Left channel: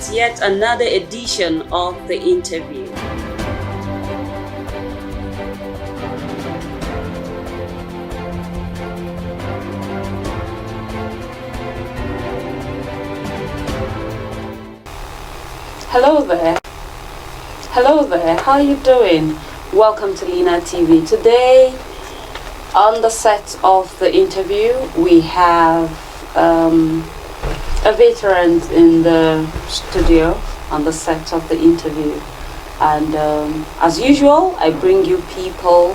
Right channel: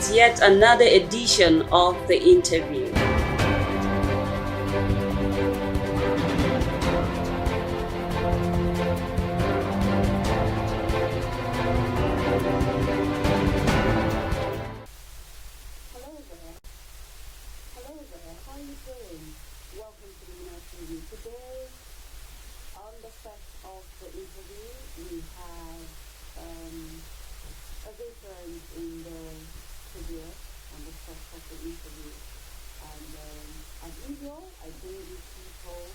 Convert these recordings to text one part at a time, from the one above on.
It's yet another edition of The Interview. Hello there. Hello there. How are you doing? Welcome to Lina TV. Today, on the set of The Interview, we have a veteran in the studio on the set of The Interview. And as usual, I bring you people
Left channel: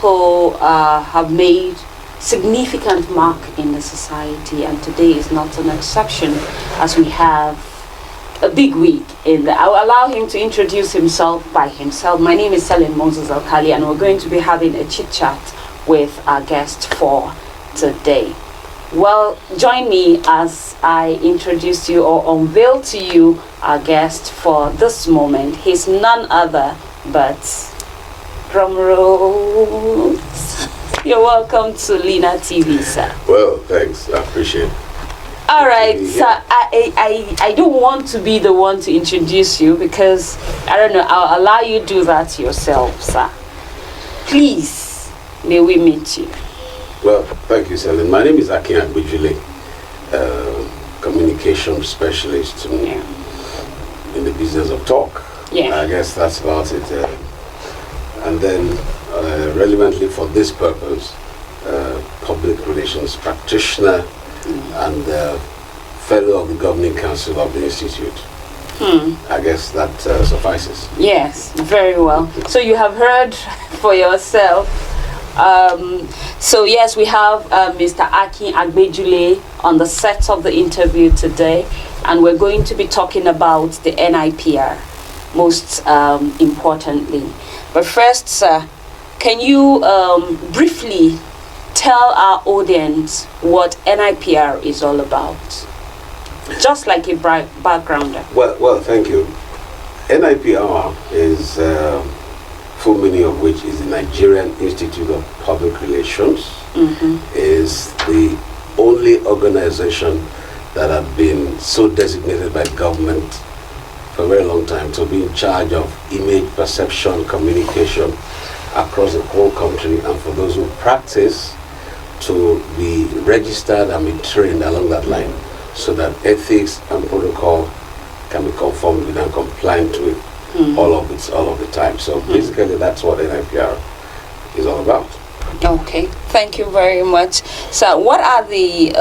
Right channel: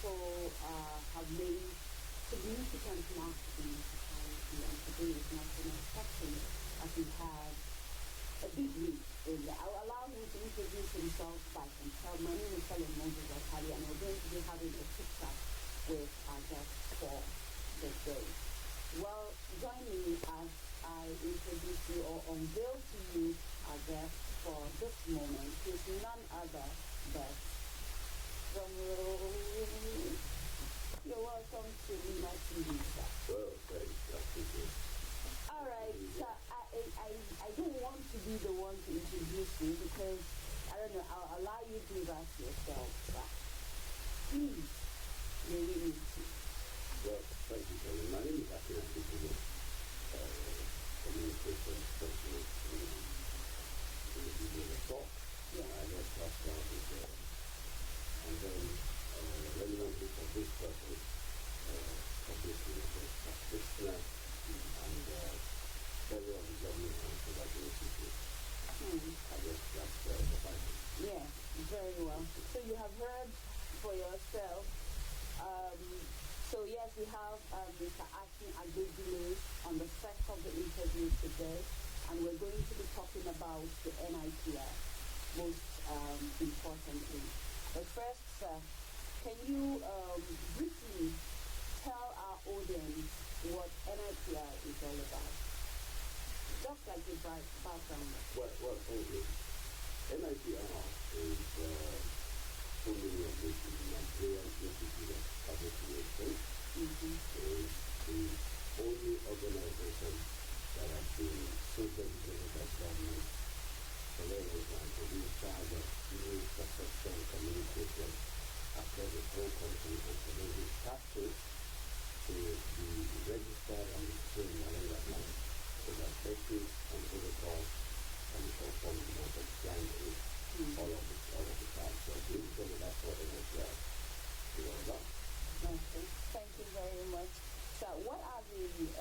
who have made significant mark in the society, and today is not an exception, as we have a big week in the. I'll allow him to introduce himself by himself. My name is Selin Moses Alkali, and we're going to be having a chit chat with our guest for today. Well, join me as I introduce you or unveil to you our guest for this moment. He's none other but, drum roll. You're welcome to Lina TV, sir. Well, thanks. I appreciate it. All right, so I don't want to be the one to introduce you because, I don't know, I'll allow you to do that yourself, sir. Please, may we meet you? Well, thank you, Selin. My name is Akin Agbejule, communication specialist in the business of talk. Yeah. I guess that's about it. And then, relevantly for this purpose, public relations practitioner and fellow of the Governing Council of the Institute. I guess that suffices. Yes, very well. So you have heard for yourself. So yes, we have Mr. Akin Agbejule on the set of The Interview today, and we're going to be talking about the NiPR, most importantly. But first, sir, can you briefly tell our audience what NiPR is all about? Just like a backgrounder. Well, thank you. NiPR is full meaning of which is the Nigerian Institute of Public Relations. Is the only organization that have been so designated by government for a very long time to be in charge of image perception, communication across the whole country, and for those who practice to be registered and be trained along that line so that ethics and protocol can be conformed with and compliant with all of the time. So basically that's what NiPR is all about. Okay, thank you very much. So what are the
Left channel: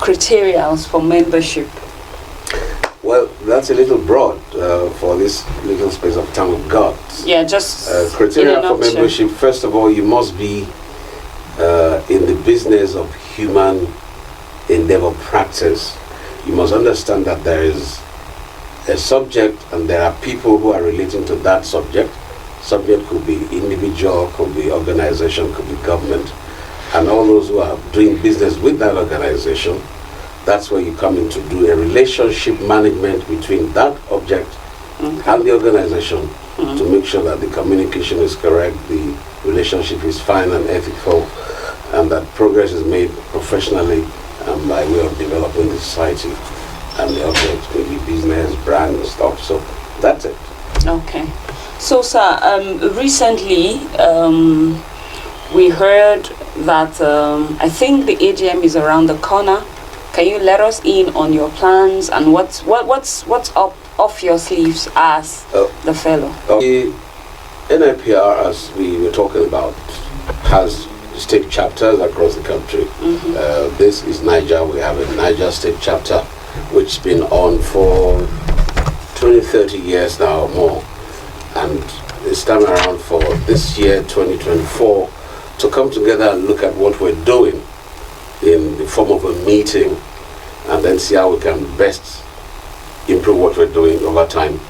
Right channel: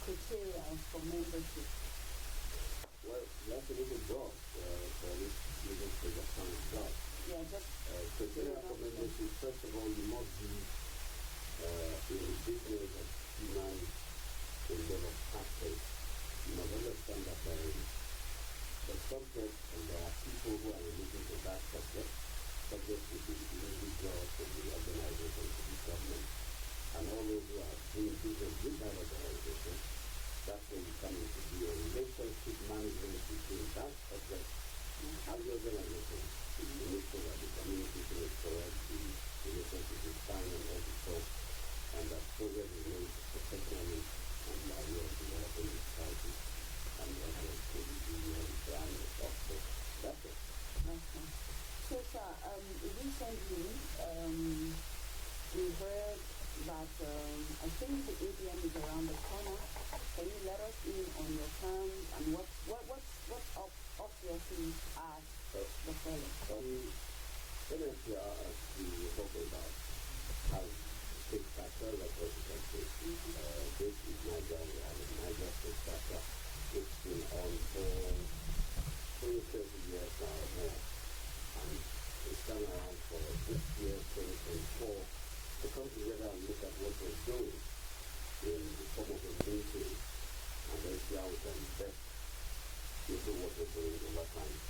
criteria for membership? Well, that's a little broad for this little space of time we've got. Yeah, just criteria for membership. First of all, you must be in the business of human endeavor practice. You must understand that there is a subject and there are people who are relating to that subject. Subject could be individual, could be organization, could be government, and all those who are doing business with that organization. That's where you come in to do a relationship management between that object and the organization to make sure that the communication is correct, the relationship is fine and ethical, and that progress is made professionally and by way of developing the society and the object, maybe business, brand, and stuff. So that's it. Okay. So, sir, recently we heard that I think the AGM is around the corner. Can you let us in on your plans and what's up off your sleeves as the fellow? The NiPR, as we were talking about, has state chapters across the country. This is Niger. We have a Niger state chapter, which has been on for 20, 30 years now or more. And it's time around for this year, 2024, to come together and look at what we're doing in the form of a meeting and then see how we can best improve what we're doing over time.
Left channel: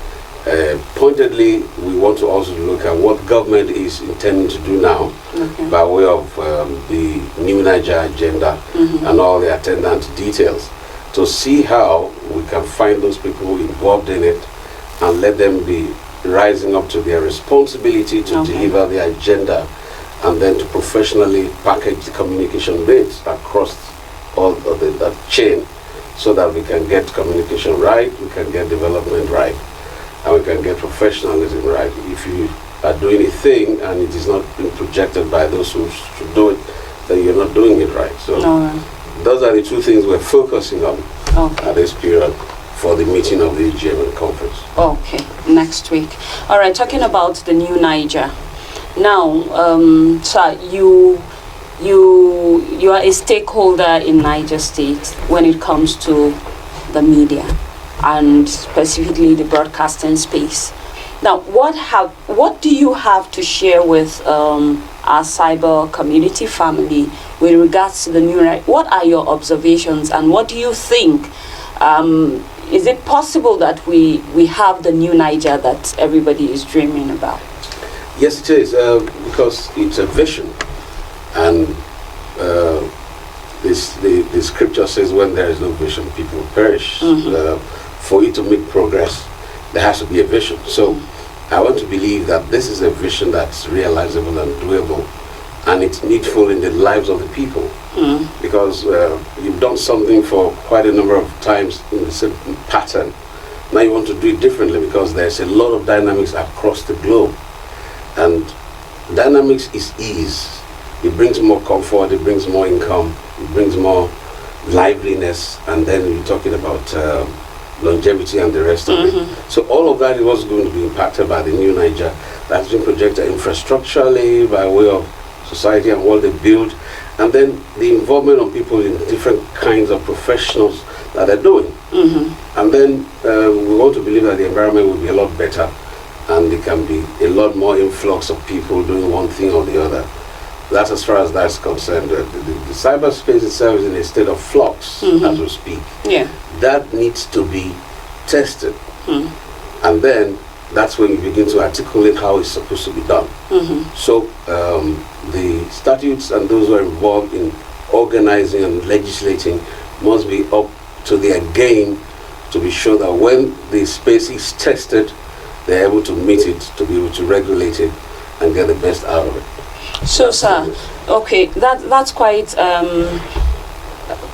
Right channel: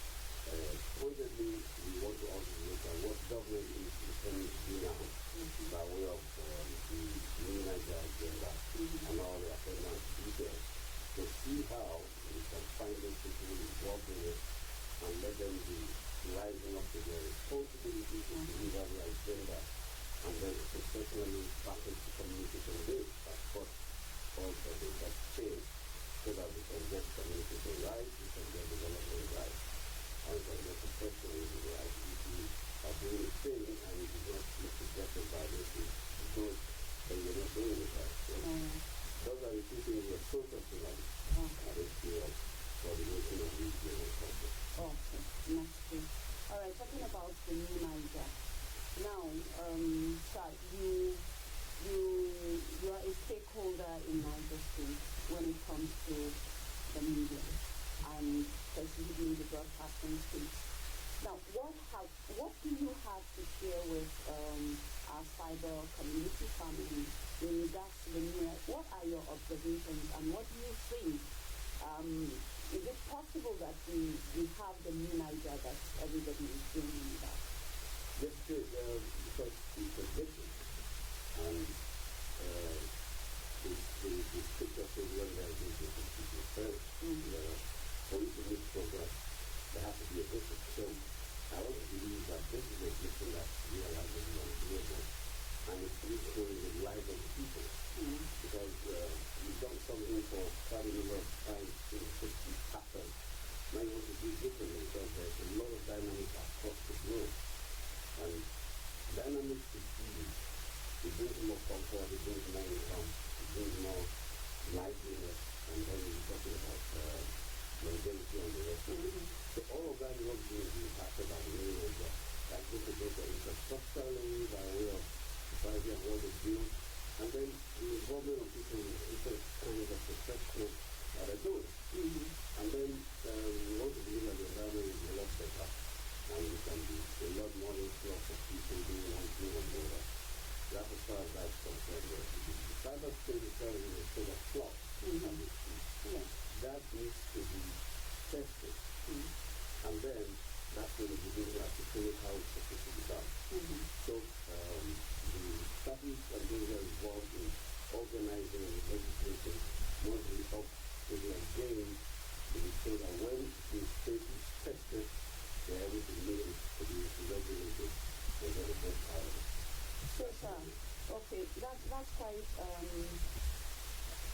Pointedly, we want to also look at what government is intending to do now by way of the new Niger agenda and all the attendant details, to see how we can find those people involved in it and let them be rising up to their responsibility to deliver the agenda, and then to professionally package the communication bits across all of that chain so that we can get communication right, we can get development right, and we can get professionalism right. If you are doing a thing and it is not being projected by those who should do it, then you're not doing it right. So those are the two things we're focusing on at this period for the meeting of the EGM conference. Okay, next week. All right, talking about the new Niger. Now, sir, you are a stakeholder in Niger State when it comes to the media and specifically the broadcasting space. Now, what do you have to share with our cyber community family with regards to the new Niger? What are your observations and what do you think? Is it possible that we have the new Niger that everybody is dreaming about? Yes, it is, because it's a vision. And the scripture says when there is no vision, people perish. For you to make progress, there has to be a vision. So I want to believe that this is a vision that's realizable and doable, and it's needful in the lives of the people. Because you've done something for quite a number of times in the same pattern. Now you want to do it differently because there's a lot of dynamics across the globe. And dynamics is ease. It brings more comfort, it brings more income, it brings more liveliness, and then you're talking about longevity and the rest of it. So all of that is what's going to be impacted by the new Niger that's been projected infrastructurally by way of society and what they build, and then the involvement of people in different kinds of professionals that they're doing. And then we want to believe that the environment will be a lot better, and there can be a lot more influx of people doing one thing or the other. That's as far as that's concerned. The cyberspace itself is in a state of flux as we speak. That needs to be tested. And then that's when you begin to articulate how it's supposed to be done. So the statutes and those who are involved in organizing and legislating must be up to their game to be sure that when the space is tested, they're able to meet it, to be able to regulate it and get the best out of it. So, sir, okay, that's quite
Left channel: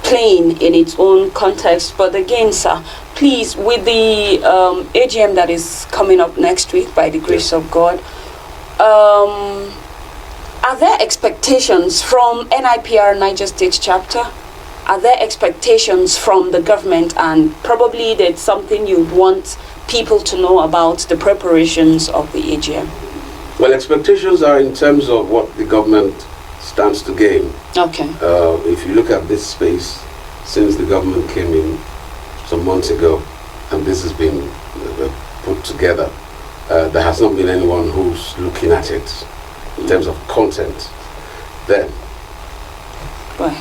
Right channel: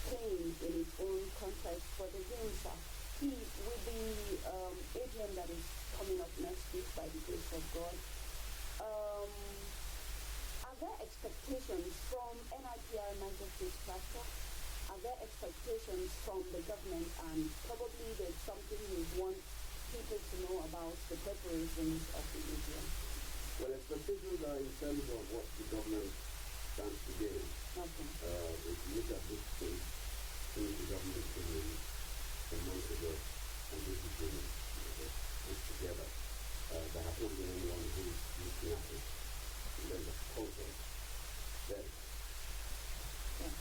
plain in its own context. But again, sir, please, with the AGM that is coming up next week, by the grace of God, are there expectations from NiPR Niger State chapter? Are there expectations from the government? And probably that's something you'd want people to know about the preparations of the AGM. Well, expectations are in terms of what the government stands to gain. Okay. If you look at this space, since the government came in some months ago, and this has been put together, there has not been anyone who's looking at it in terms of content. Then,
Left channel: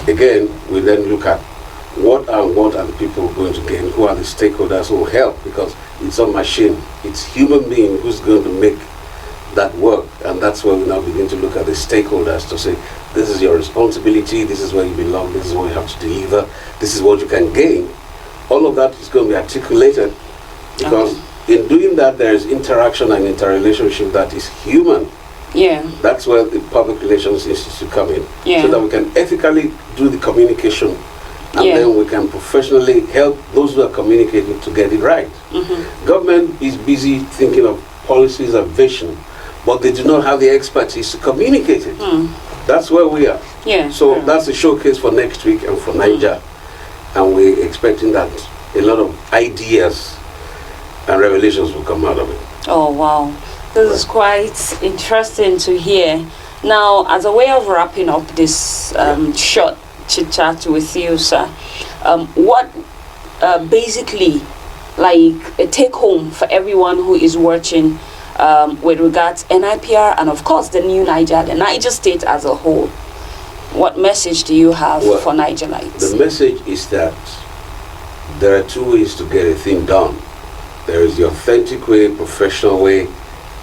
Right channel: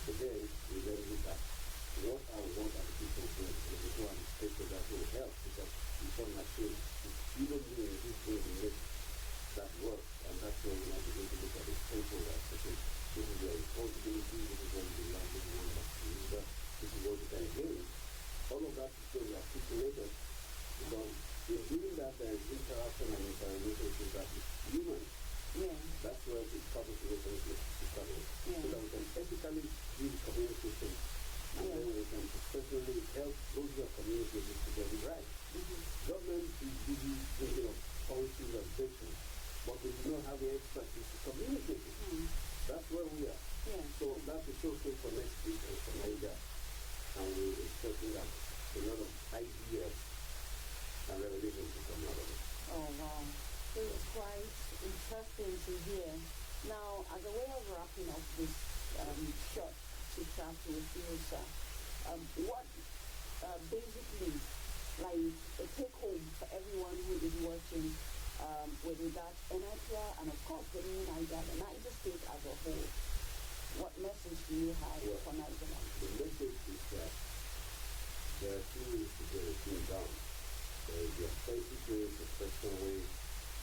again, we then look at what are the people going to gain, who are the stakeholders who will help, because it's a machine, it's human being who's going to make that work. And that's where we now begin to look at the stakeholders to say, this is your responsibility, this is where you belong, this is what you have to deliver, this is what you can gain. All of that is going to be articulated, because in doing that there is interaction and interrelationship that is human. That's where the public relations institute come in, so that we can ethically do the communication, and then we can professionally help those who are communicating to get it right. Government is busy thinking of policies and vision, but they do not have the expertise to communicate it. That's where we are. So that's a showcase for next week and for Niger, and we're expecting that a lot of ideas and revelations will come out of it. Oh wow, this is quite interesting to hear. Now, as a way of wrapping up this short chit chat with you, sir, what basically, like a take home for everyone who is watching with regards NiPR and of course the new Niger, the Niger State as a whole, what message do you have for Nigerites? The message is that there are two ways to get a thing done. There is the authentic way, professional way,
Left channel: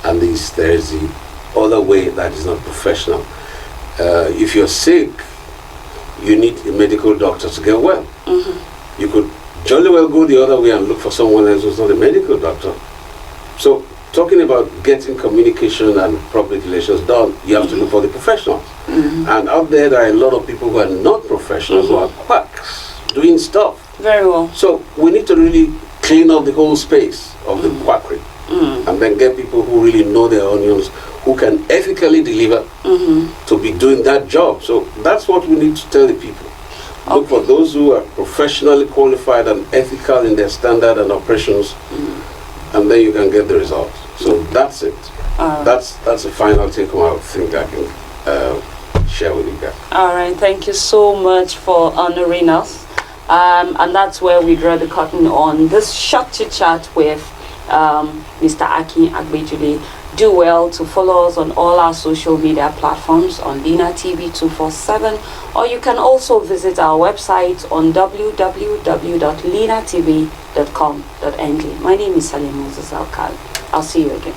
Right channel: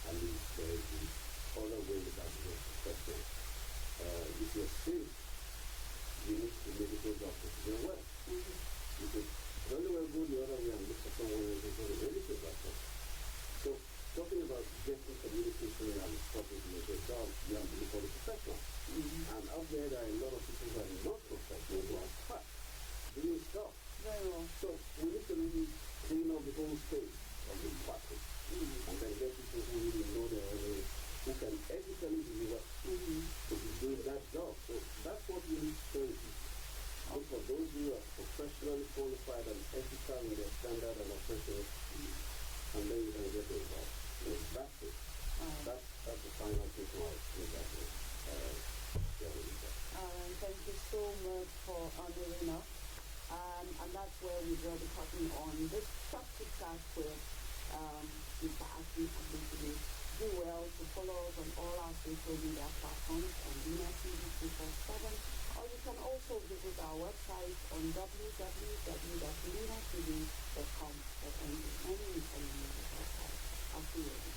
and there is the other way that is not professional. If you're sick, you need a medical doctor to get well. You could jolly well go the other way and look for someone else who's not a medical doctor. So, talking about getting communication and public relations done, you have to look for the professionals. And out there are a lot of people who are not professionals, who are quacks, doing stuff. Very well. So we need to really clean up the whole space of the quackery, and then get people who really know their onions, who can ethically deliver to be doing that job. So that's what we need to tell the people. Look for those who are professionally qualified and ethical in their standard and operations, and then you can get the results. So that's it. That's the final take home I think I can share with you guys. All right, thank you so much for honoring us. And that's where we draw the curtain on this short chit chat with Mr. Akin Agbejule. Do well to follow us on all our social media platforms on Lina TV 247, or you can also visit our website on www.linatv.com.ng. My name is Salim Moses Alkal. I'll see you again.